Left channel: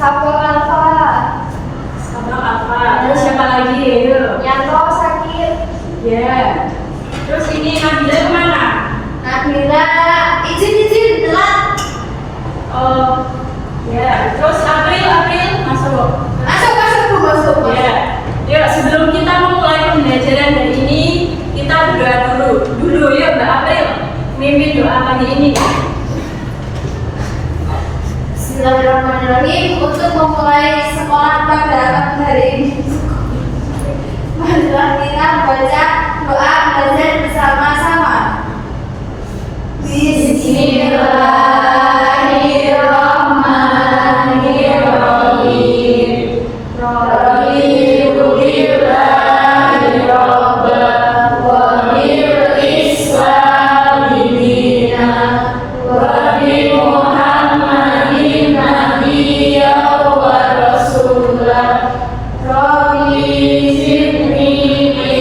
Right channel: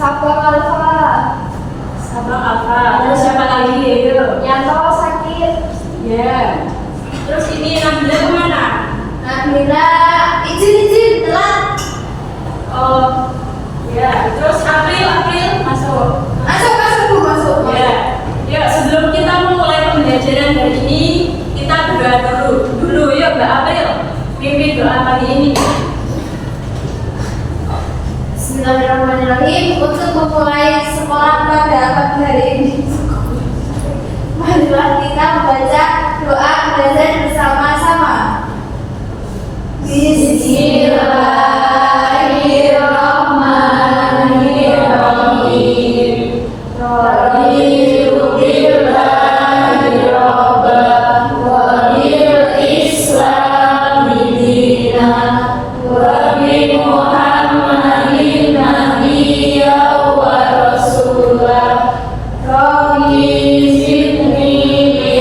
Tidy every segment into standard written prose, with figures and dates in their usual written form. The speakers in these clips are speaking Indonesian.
Sabang Alfa. Sabang Alfa. Terus siapa lagi? Ayo. Yanto sakit. Ya. Terus ini Nabila kemana? Nabila izin telat. Oh, ya. Terus April masuk. Masuk. Ya. Yuk, sebelum kita memulai pembelajaran hari ini, kita berdoa dulu. Yuk, Mbak April, mimpin doa pagi ini. Bismillahirrahmanirrahim. Untuk memulai sekolah pada pagi hari ini, marilah kita membaca doa belajar bersama-sama. Bismillahirrahmanirrahim. Raditu billahi rabban wa bil islami dinan wa bi Muhammadin nabiyyan wa rasulan. Rabbi zidni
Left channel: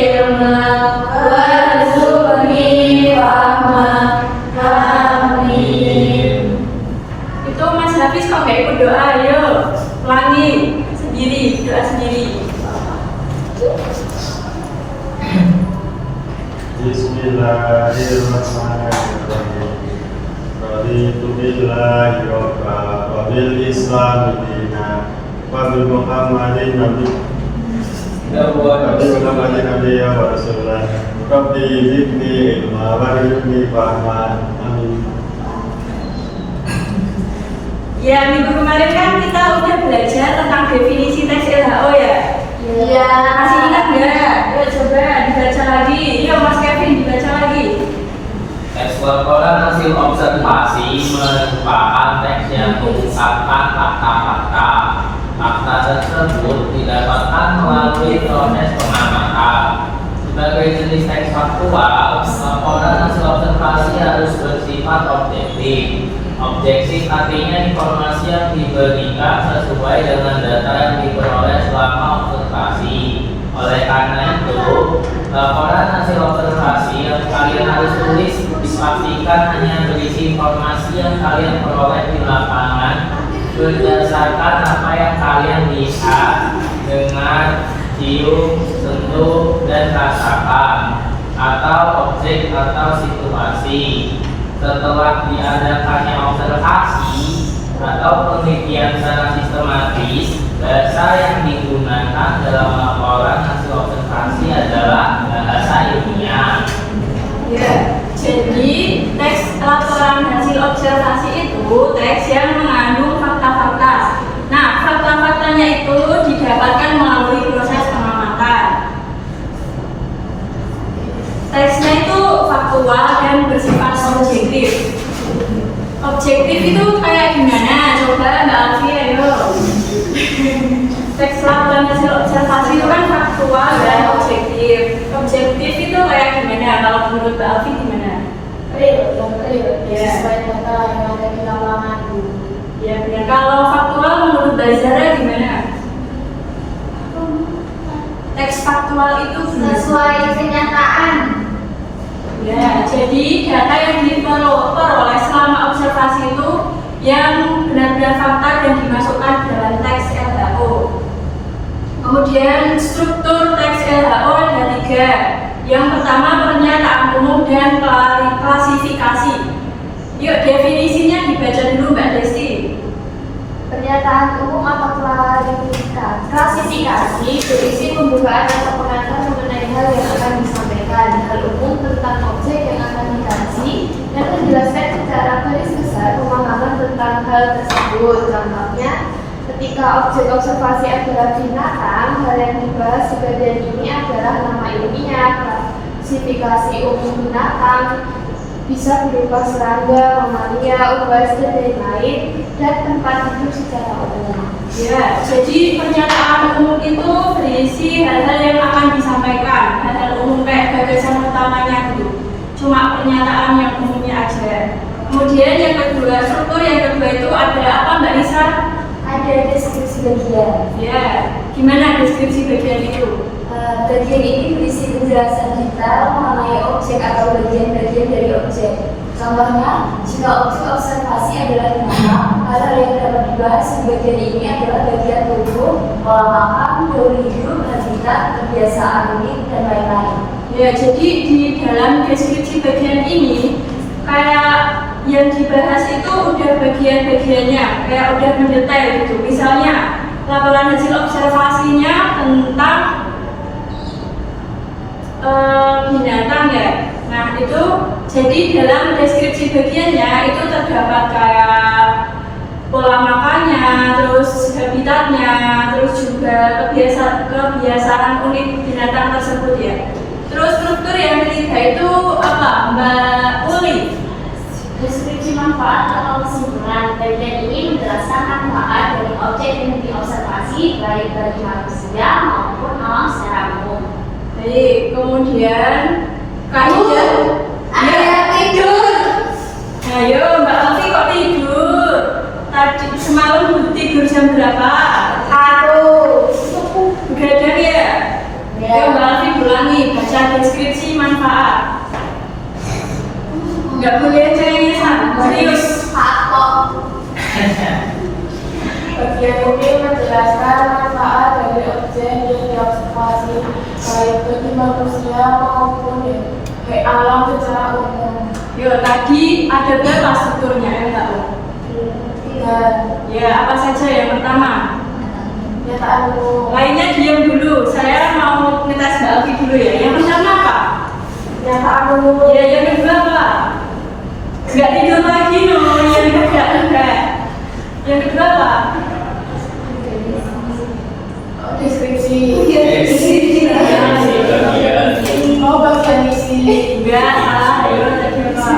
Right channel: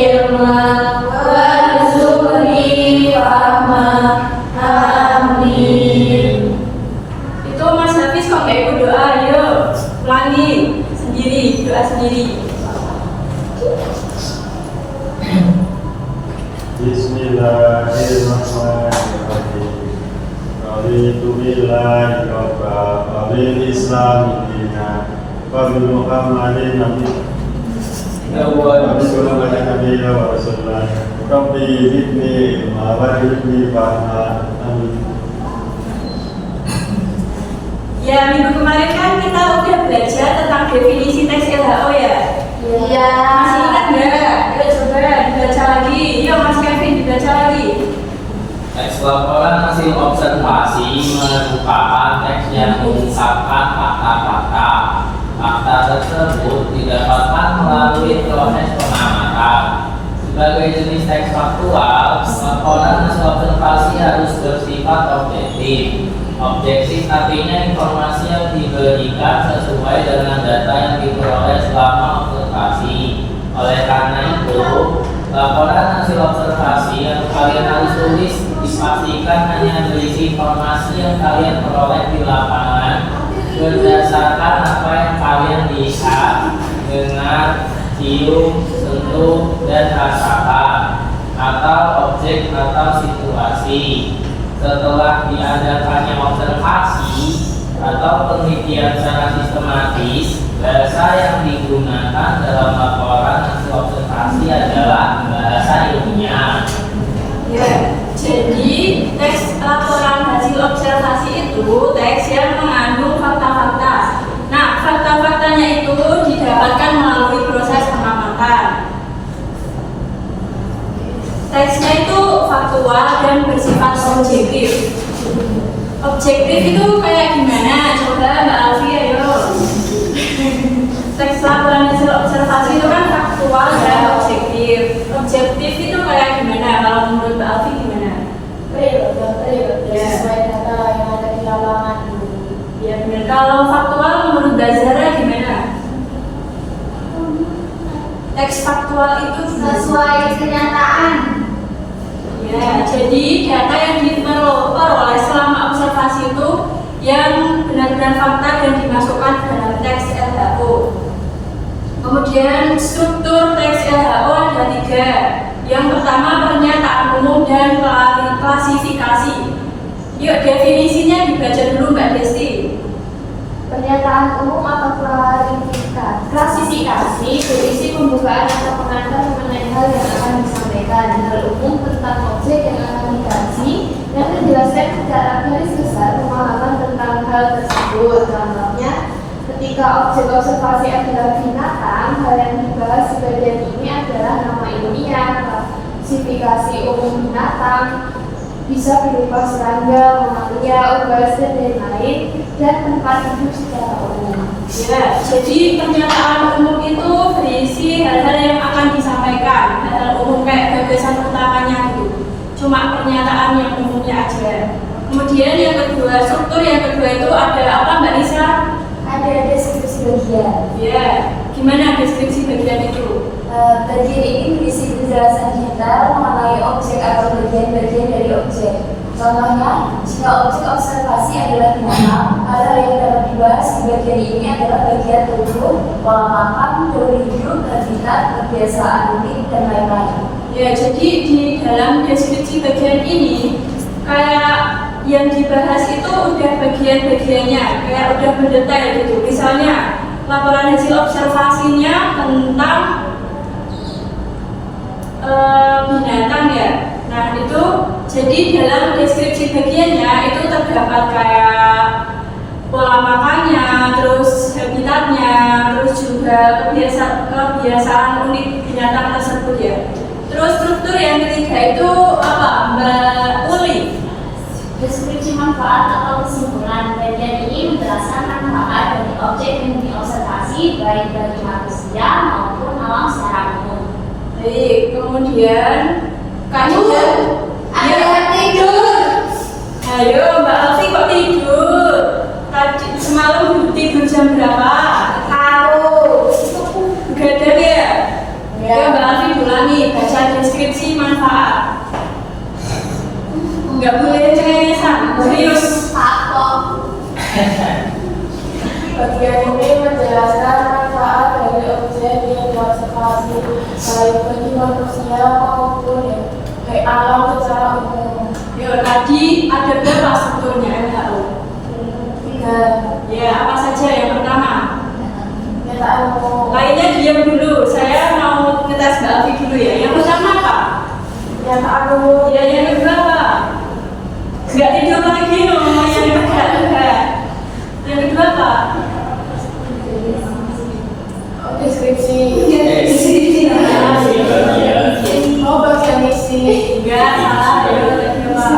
ilman warzuqni rahmah. Amin. Itu Mas Hafiz kok nggak ikut doa? Yuk, ulangi sendiri, doa sendiri. Bismillahirrahmanirrahim. Raditu billahi rabban wa bil islami dinan wa bi Muhammadin nabiyyan wa rasulan. Rabbi zidni ilman warzuqni rahmah. Amin. Ya, minggu kemarin kan kita udah belajar tentang definisi teks LHO ya. Iya. Masih ingat nggak? Ayo coba dibaca lagi. Yuk Mas Kevin dibaca lagi. Teks laporan hasil observasi merupakan teks yang mengungkapkan fakta-fakta. Fakta tersebut didapatkan melalui proses pengamatan. Sebagai jenis teks faktual, laporan hasil observasi harus bersifat objektif. Objektif artinya informasi yang diberikan sesuai dengan data yang diperoleh selama observasi. Oleh karena itu, laporan hasil observasi yang kalian harus tulis dipastikan hanya berisi informasi yang kalian peroleh di lapangan berdasarkan apa yang kalian lihat, dengar, cium, sentuh, dan rasakan, atau objek atau situasi. Setelah diadakannya observasi atau penelitian secara sistematis, bahasa yang digunakan dalam laporan hasil observasi adalah bahasa ilmiah. Ya, jadi teks laporan hasil observasi itu teks yang mengandung fakta-fakta. Nah, fakta-faktanya itu didapatkan melalui proses pengamatan. Teksnya itu faktual dan bersifat objektif. Objektif itu kayak gimana? Coba Mbak Alfi, ayo. Teks laporan hasil observasi itu kan faktual dan objektif. Objektif itu kayak gimana? Kalau menurut Mbak Alfi gimana? Real. Ya. Sesuai data yang ada di lapangan. Ya benar. Kalau faktual menurut Mbak Zara gimana? Teks faktual itu Sesuai kenyataan. ya, jadi data yang diperoleh selama observasi itu yang benar-benar fakta dan dimasukkan dalam teks LHO. Kemudian struktur teks LHO ada 3. Yang pertama pernyataan umum dan klasifikasi. Yuk definisinya dibaca dulu Mbak Desti. Pernyataan umum atau klasifikasi berisi pembukaan atau pengantar mengenai hal yang akan disampaikan, hal umum tentang objek yang akan dikaji, dan menjelaskan secara garis besar pemahaman tentang hal tersebut. Contohnya, ketika objek observasi adalah binatang, hal yang dibahas di bagian ini adalah nama ilmiah. Klasifikasi umum binatang bisa berupa serangga, mamalia, unggas, dan lain-lain, dan tempat hidup secara umum. Ya, jadi pernyataan umum itu berisi hal-hal yang akan disampaikan, hal-hal umum kayak gagasan utamanya gitu. Cuma pernyataan yang umumnya aja. Kemudian yang kedua, struktur yang kedua itu ada apa Mbak Nisa? Ada deskripsi bagian. Ya, gimana deskripsi bagian itu? Bagian ini berisi penjelasan detail mengenai objek atau bagian-bagian dari objek. Contohnya, jika objek observasi adalah binatang, hal yang dapat dibahas di bagian ini adalah bagian tubuh, pola makan, teori hidup, habitat, kebiasaan unik, dan lain-lain. Ya, jadi di dalam deskripsi bagian ini kayak yang dibahas itu udah bagian-bagiannya, kayak udah mendetail gitu. Misalnya laporan hasil observasinya tentang binatang ya. Nah itu jadi dalam deskripsi bagiannya itu terdapat kayak pola makannya, terus habitatnya, terus juga kebiasaan unik binatang tersebut ya. Terus struktur yang ketiga itu apa, Mbak Uli? Deskripsi manfaat atau kesimpulan. Bagian ini menjelaskan manfaat dari objek yang diobservasi baik bagi manusia maupun alam secara umum. Baik, kemudian kaidah. Ada tidur. Ayo Mbak Alfi kok tidur? Tadi semalam tidur jam berapa? 1. Begadang ya? Ya. Ayo Mbak Alfi ulangi baca deskripsi manfaat. Nggak boleh cengengesan, serius. Bagian ini menjelaskan manfaat dari objek yang diobservasi baik bagi manusia maupun alam secara umum. Yo, tadi ada berapa strukturnya yang nggak tahu? 3. Ya, apa saja yang pertama? Kenyataan umum. Lainnya diam dulu, saya mau ngetes Mbak Alfi dulu ya. Yang pertama apa? Kenyataan umum. Ya, yang kedua apa? Nggak tidur lagi loh, yang kedua enggak. Yang kedua apa? Oh, deskripsi. Deskripsi. Oh, bagian isi. Enggak, salah. Ya, tadi apa?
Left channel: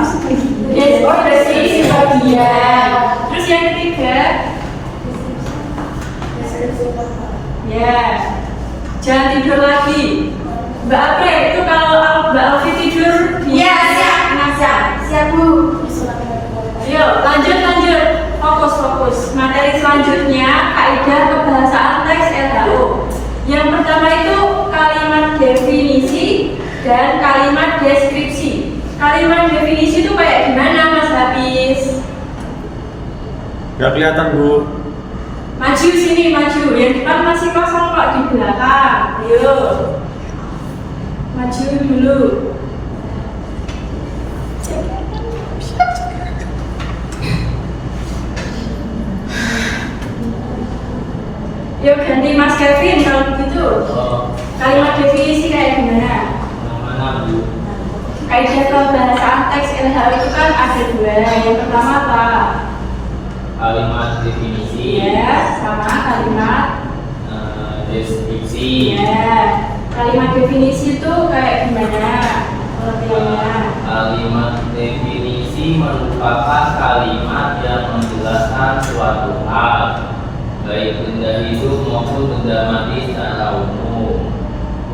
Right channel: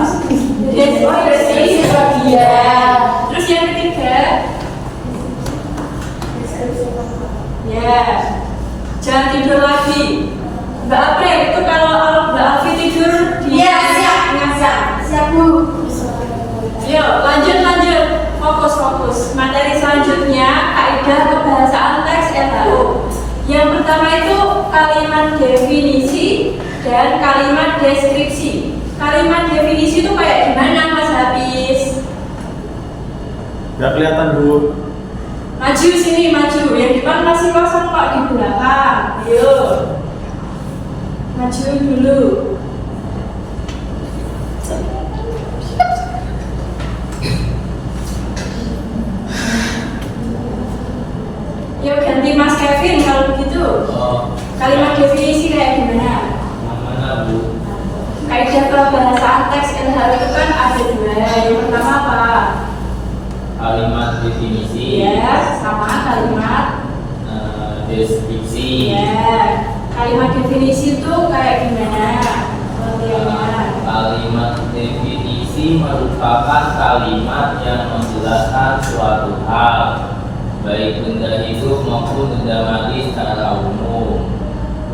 Oh, deskripsi bagian. Terus yang ketiga? Deskripsi. Ya, jangan tidur lagi. Mbak April, itu kalau Mbak Alfi tidur dia ngasah. Siap Bu. Yuk, lanjut. Fokus. Materi selanjutnya, kaidah kebahasaan teks LHO. Yang pertama itu kalimat definisi dan kalimat deskripsi. Kalimat definisi itu kayak gimana Mas Hafiz? Gak kelihatan Bu. Maju sini, maju. Yang depan masih kosong kok di belakang. Ayo. Maju dulu. Yuk ganti Mas Kevin kalau begitu. Oh, Kalimat definisi kayak gimana? yang mana Bu? Kaidah kebahasaan teks LHO itu kan ada dua. Yang pertama apa? Kalimat definisi, Ya, sama kalimat. deskripsi. Ya, kalimat definisi itu kayak gimana? Pengertiannya. Kalimat definisi merupakan kalimat yang menjelaskan suatu hal, baik benda hidup maupun benda mati secara umum.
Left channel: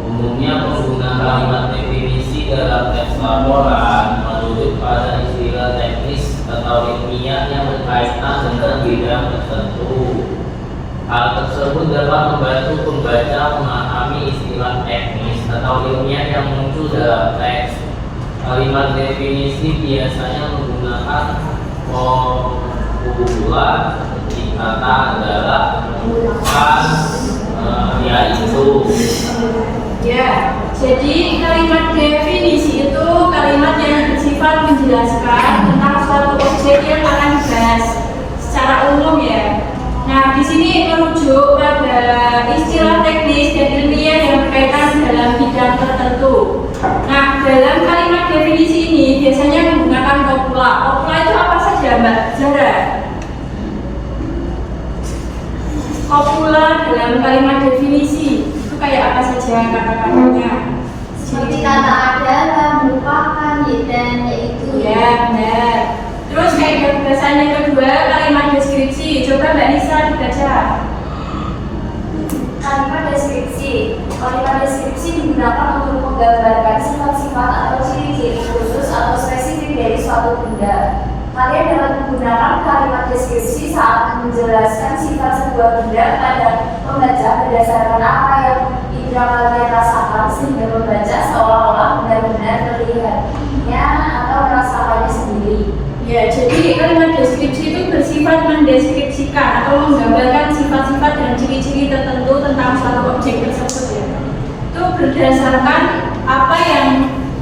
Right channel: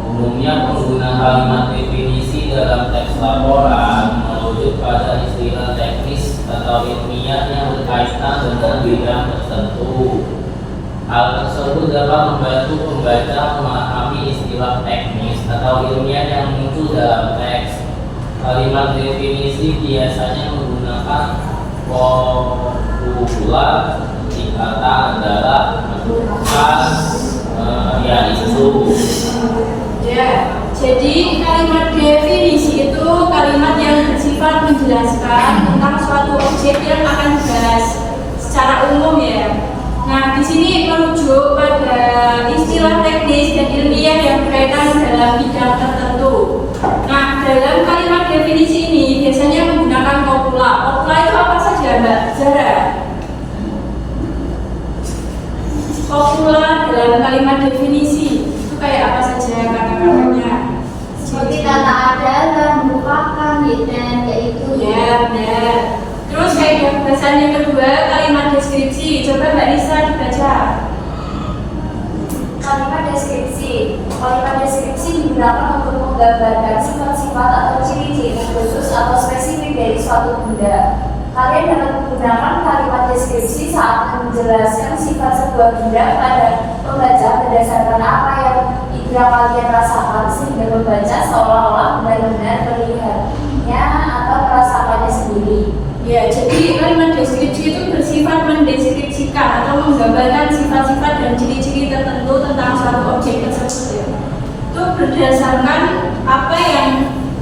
Umumnya pengguna kalimat definisi dalam teks laporan merujuk pada istilah teknis atau ilmiah yang berkaitan dengan bidang tertentu. Hal tersebut dapat membantu pembaca memahami istilah teknis atau ilmiah yang muncul dalam teks. Kalimat definisi biasanya menggunakan vokabular seperti kata adalah, menentukan, yaitu. Ya, jadi kalimat definisi itu kalimat yang bersifat menjelaskan tentang suatu objek yang akan dibahas secara umum ya. Nah, di sini merujuk pada istilah teknis dan ilmiah yang berkaitan dalam bidang tertentu. Nah, dalam kalimat definisi ini biasanya menggunakan kopula. Kopula itu apa saja, Mbak Zara? Kopula dalam kalimat definisi itu kayak apa saja kata-katanya? Seperti kata adalah, merupakan, dan yaitu. Ya, benar. Terus kayak bahasan yang kedua, kalimat deskripsi. Coba Mbak Nisa dibaca. Kalimat deskripsi. Kalimat deskripsi digunakan untuk menggambarkan sifat-sifat atau ciri-ciri khusus atau spesifik dari suatu benda. Kalian dapat menggunakan kalimat deskripsi saat menjelaskan sifat sebuah benda pada pembaca berdasarkan apa yang indera kalian rasakan, sehingga membaca seolah-olah benar-benar melihatnya atau merasakan soalnya sendiri. Ya, jadi kalimat deskripsi itu bersifat mendeskripsikan atau menggambarkan sifat-sifat dan ciri-ciri tertentu tentang suatu objek tersebut ya. Itu berdasarkan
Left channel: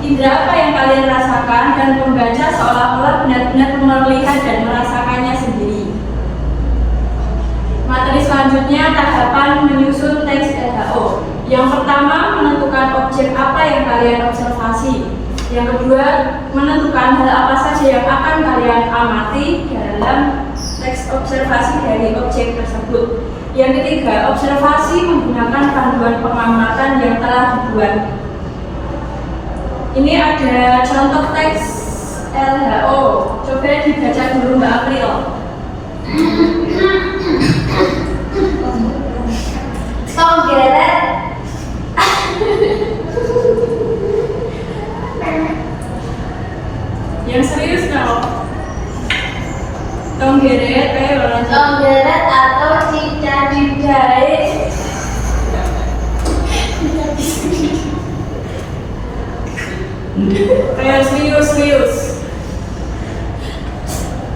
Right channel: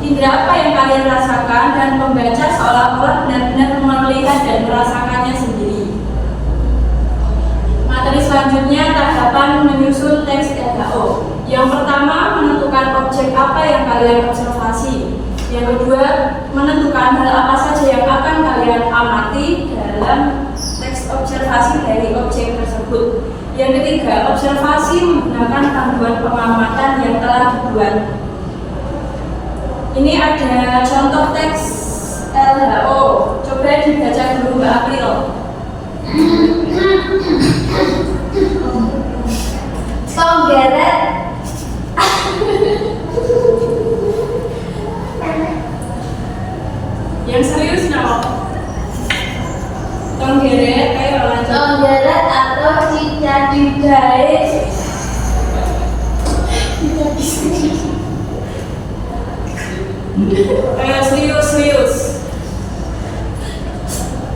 indera apa yang kalian rasakan dan pembaca seolah-olah benar-benar melihat dan merasakannya sendiri. Materi selanjutnya tahapan menyusun teks LHO. Yang pertama, menentukan objek apa yang kalian observasi. Yang kedua, menentukan hal apa saja yang akan kalian amati dalam teks observasi dari objek tersebut. Yang ketiga, observasi menggunakan panduan pengamatan yang telah dibuat. Ini ada contoh teks LHO. Coba dibaca dulu Mbak April. Konggeret Yang serius nama? Tonggeret, ayo lanjut. Konggeret atau cicadijahit. Ayo serius.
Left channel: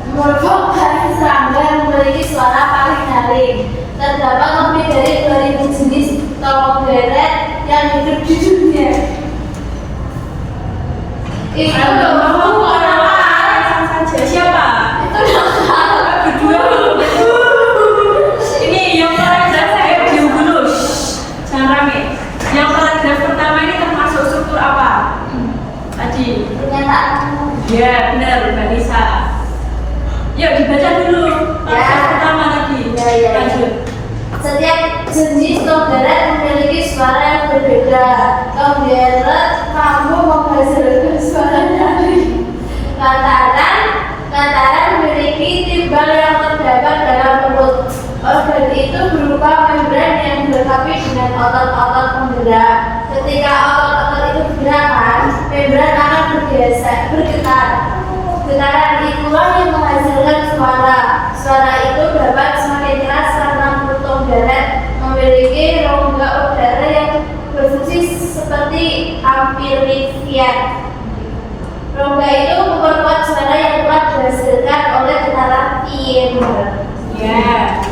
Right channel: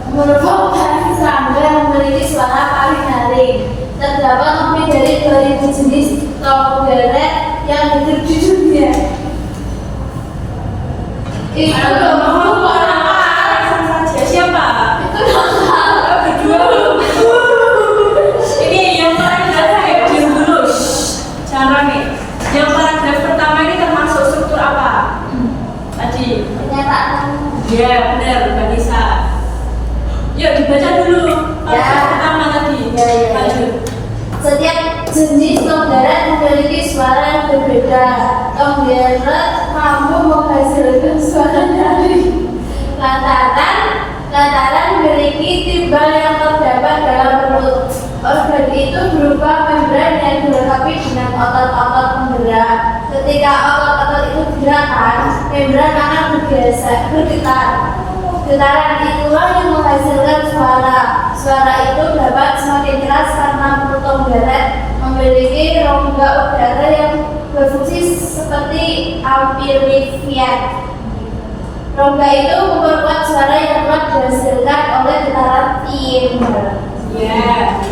Merupakan serangga yang memiliki suara paling nyaring. Terdapat lebih dari 2000 jenis konggeret yang hidup di dunia. Itu Mau orang saja siapa? itu lokal. Berdua. Ini yang paragraf saya diam dulu. Jangan rame. Yang paragraf pertama ini termasuk struktur apa? Tadi. Pernyataan. Ya benar Mbak Nisa. Yuk dibaca dulu. Paragraf Ya. pertama tadi. Ya. Lanjut. Setiap jenis konggeret memiliki suara yang berbeda. Konggeret mampu menghasilkan suara nyaring lantaran memiliki timbal yang terdapat dalam perut. Organ itu berupa membran yang dilengkapi dengan otot-otot penggerak. Ketika otot-otot itu bergerak, membran akan bergetar. Getaran itulah yang menghasilkan suara. Suara itu dapat semakin keras karena perut konggeret memiliki rongga udara yang berfungsi seperti amplifier. Rongga itu memperkuat suara yang kuat dihasilkan oleh getaran timbal. Ya,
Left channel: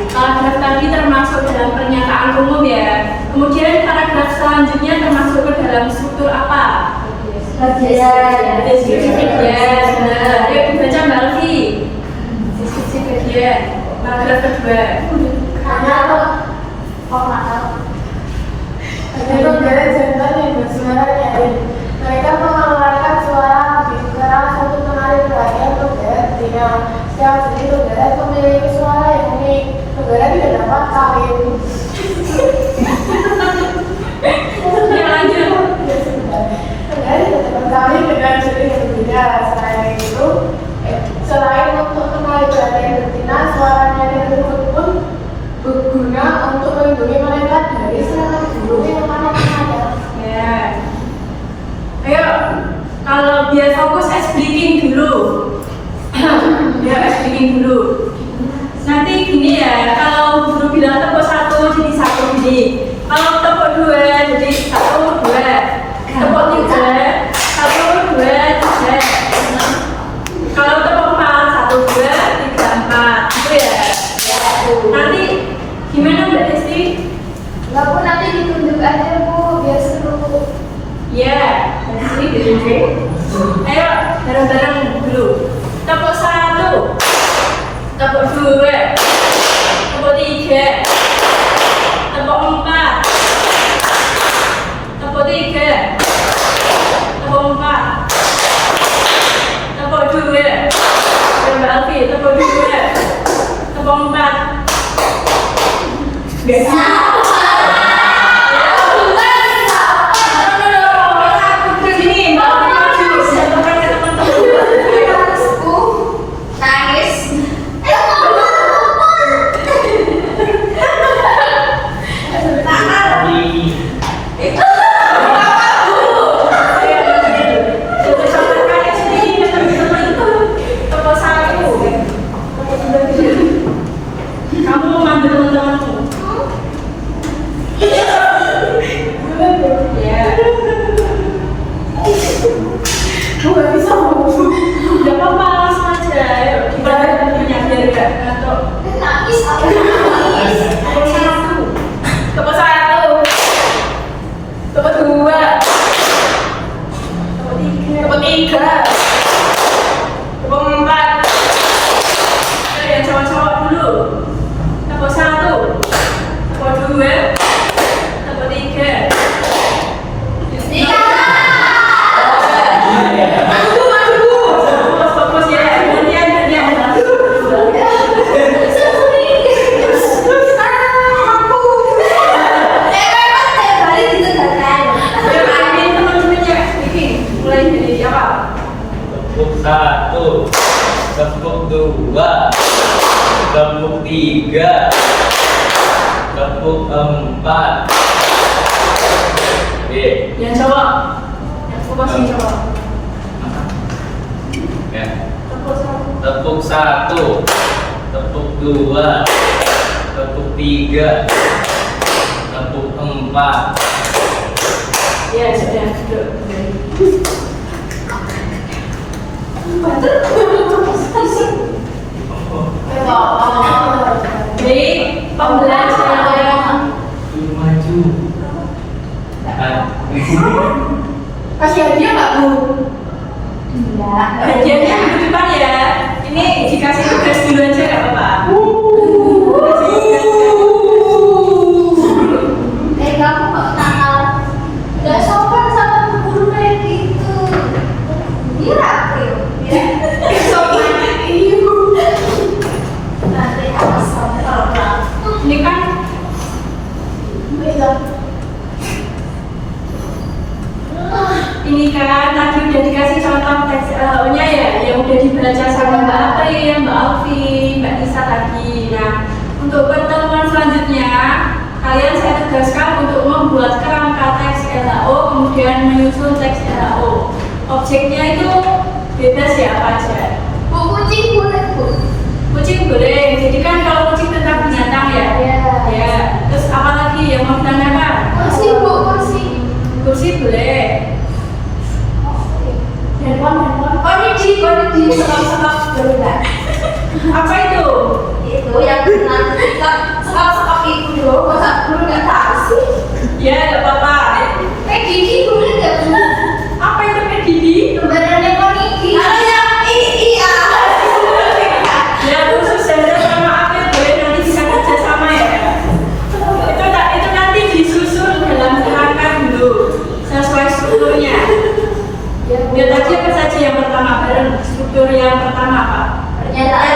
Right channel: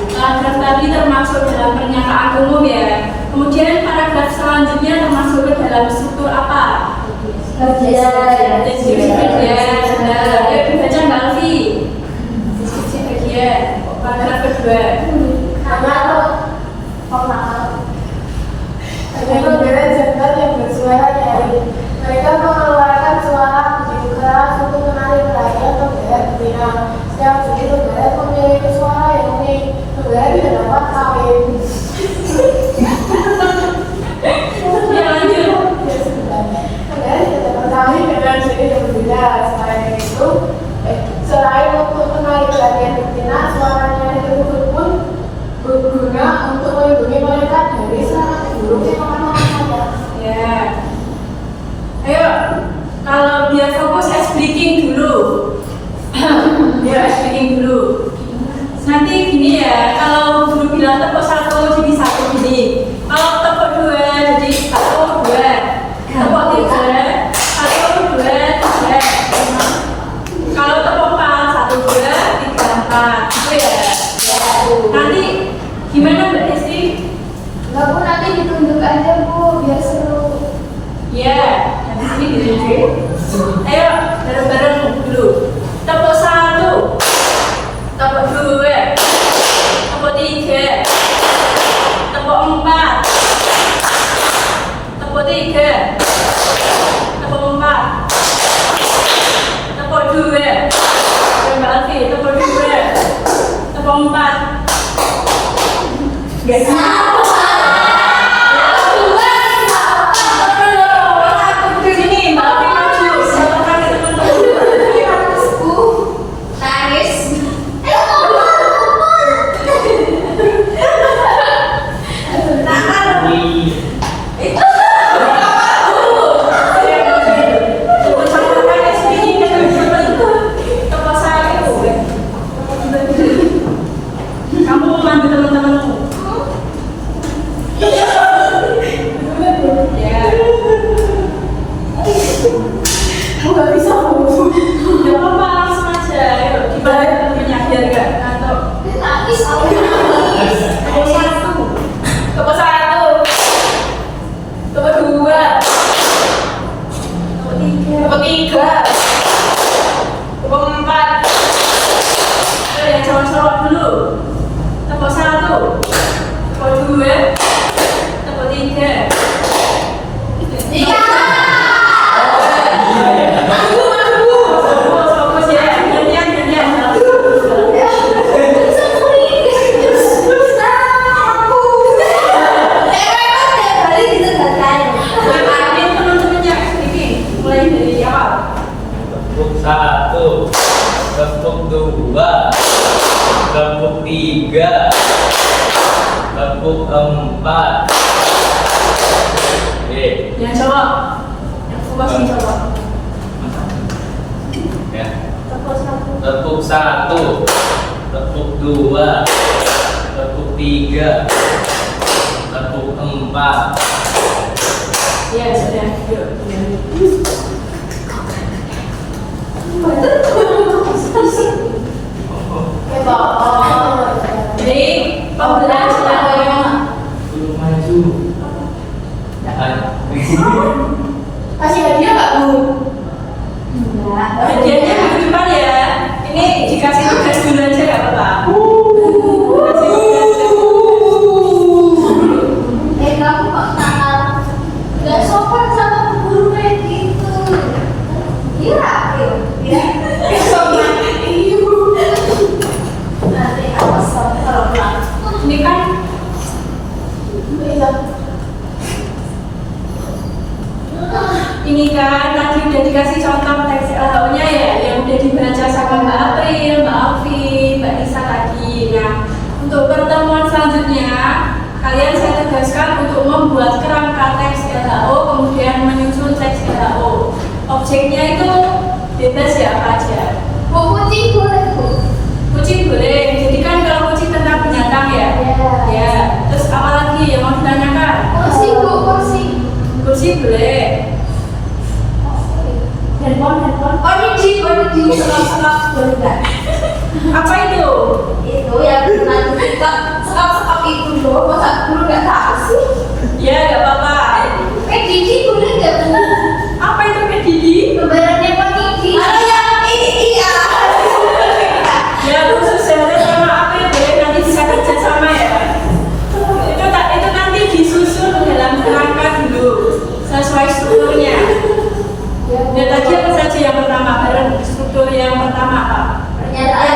paragraf tadi termasuk dalam pernyataan umum ya. Kemudian paragraf selanjutnya termasuk ke dalam struktur apa? Bagian. Deskripsi bagian. Benar. Ayo dibaca Mbak Alfi. Deskripsi bagian. Paragraf kedua. Ada konggeret jantan yang bersuara nyaring. Mereka mengeluarkan suara begitu keras untuk menarik perhatian konggeret betina. Setiap jenis konggeret memiliki suara yang unik. Konggeret tidak dapat kawin. Ya lanjut. Konggeret tidak dapat kawin dengan jenis yang berbeda. Selain untuk menarik perhatian betina, suara nyaring tersebut pun berguna untuk melindungi mereka dari serangan burung yang akan menghadap. Ya. Ayo, kalau biar fokus speaking dulu. Biar speaking dulu. Nanti gini ya, kalau guru bilang tepuk satu jadi satu gini. Kalau tepuk dua jadi satu dua. Tepuk tiga satu dua tiga. Kalau tepuk empat satu dua tiga empat. Gitu ya. Nanti gimana Mbak Desti? Nggak Bu, nanti ditunjuk aja Bu, biar seru. Ya, dari sini ditunjuk. Ayo bareng-bareng dulu. Tepuk satu, tepuk dua, tepuk tiga, tepuk empat, tepuk tiga, tepuk empat, tepuk dua. Mbak Alfi, tepuk dua, tepuk empat. Gak Sini, Mbak Alfi maju. Satukan ke teman-teman. Nangis. Kamu mau manggil teman-temanmu? 3, tepuk 4. Oke. Yang cowok. Yang fokus yang cowok. Ya. Tepuk 1. Tepuk 1, tepuk 2, tepuk 3, tepuk 4. Ya sudah. Jadi pembelajaran Maju. Kasih hadiah nggak Bu? hadiahnya minggu depan ya. Ini dikasih tugas dulu aja nggak apa-apa. Kasih tugas. Kamu kok nakal? Gak sopan sama guru kayak gitu. Iya, iya. Sopan. Nanti awas sopan kalau pulang. Ini kan ini kan tadi udah dikasih contoh teks LHO-nya ya, yang udah dibaca sama Mbak April, Mbak Alfi, Mbak Nisa tadi. Nah, untuk pertemuan selanjutnya, kalian saya tugaskan untuk membuat kerangka teks LHO, kemudian menyusun teks LHO. Objeknya itu bebas ya, apa aja. Bu, kucing boleh Bu? Kucing boleh, jadi kan kalau kucing tentang binatang ya. Iya. Ya, terus apa lagi yang mau ditanyakan? Kursi Bu, kursi. Kursi boleh. Handphone. Oh ini di stop dulu kan? Apa itu? Itu yang nanti kita stop itu loh. Masa guru nggak tahu sih? Ya, nggak apa-apa. Didi boleh nggak Bu? Apa itu Didi? Gambarannya Pak Didi. Yang iya. Ya, khusus Zahra sama April boleh nanti bisa kerja sama ya. Itu nanti disusun dalam kerangka dulu sesuai strukturnya. Ya tadi apa saja yang pertama bareng struktur yang pertama apa? Pernyataan.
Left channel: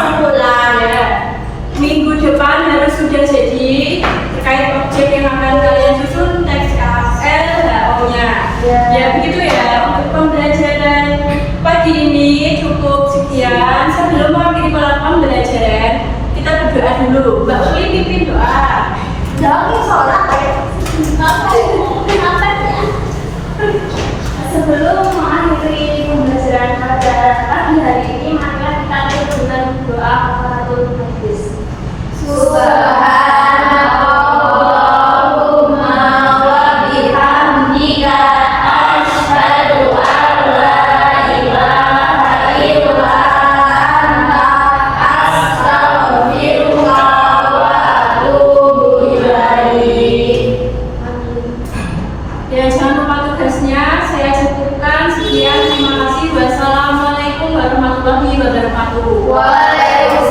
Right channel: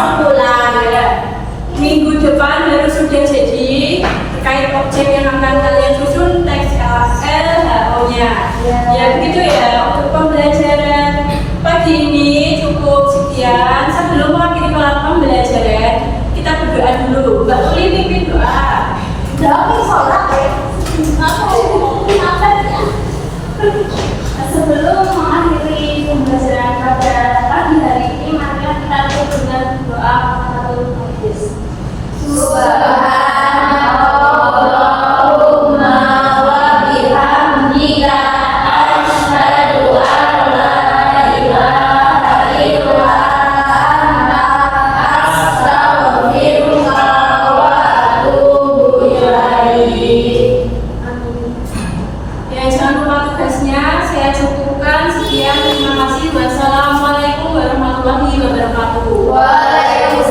Kesimpulan ya. Minggu depan harus sudah jadi terkait objek yang akan kalian susun teks LHO-nya. Ya begitu ya untuk pembelajaran pagi ini cukup sekian. Sebelum mengakhiri pembelajaran kita berdoa dulu. Mbak Uli pimpin doa. Dami sholat ya. Apa ya? Sebelum mengakhiri pembelajaran pada pagi hari ini, maka kita tutup dengan doa kafaratul majlis. Subhanallahumma wa bihamdika asyhadu an la ilaha illa anta astaghfiruka wa atubu ilaik. Ya jangan lupa tugasnya saya cukupkan sekian. Terima kasih. Wassalamualaikum warahmatullahi wabarakatuh. Waalaikumsalam.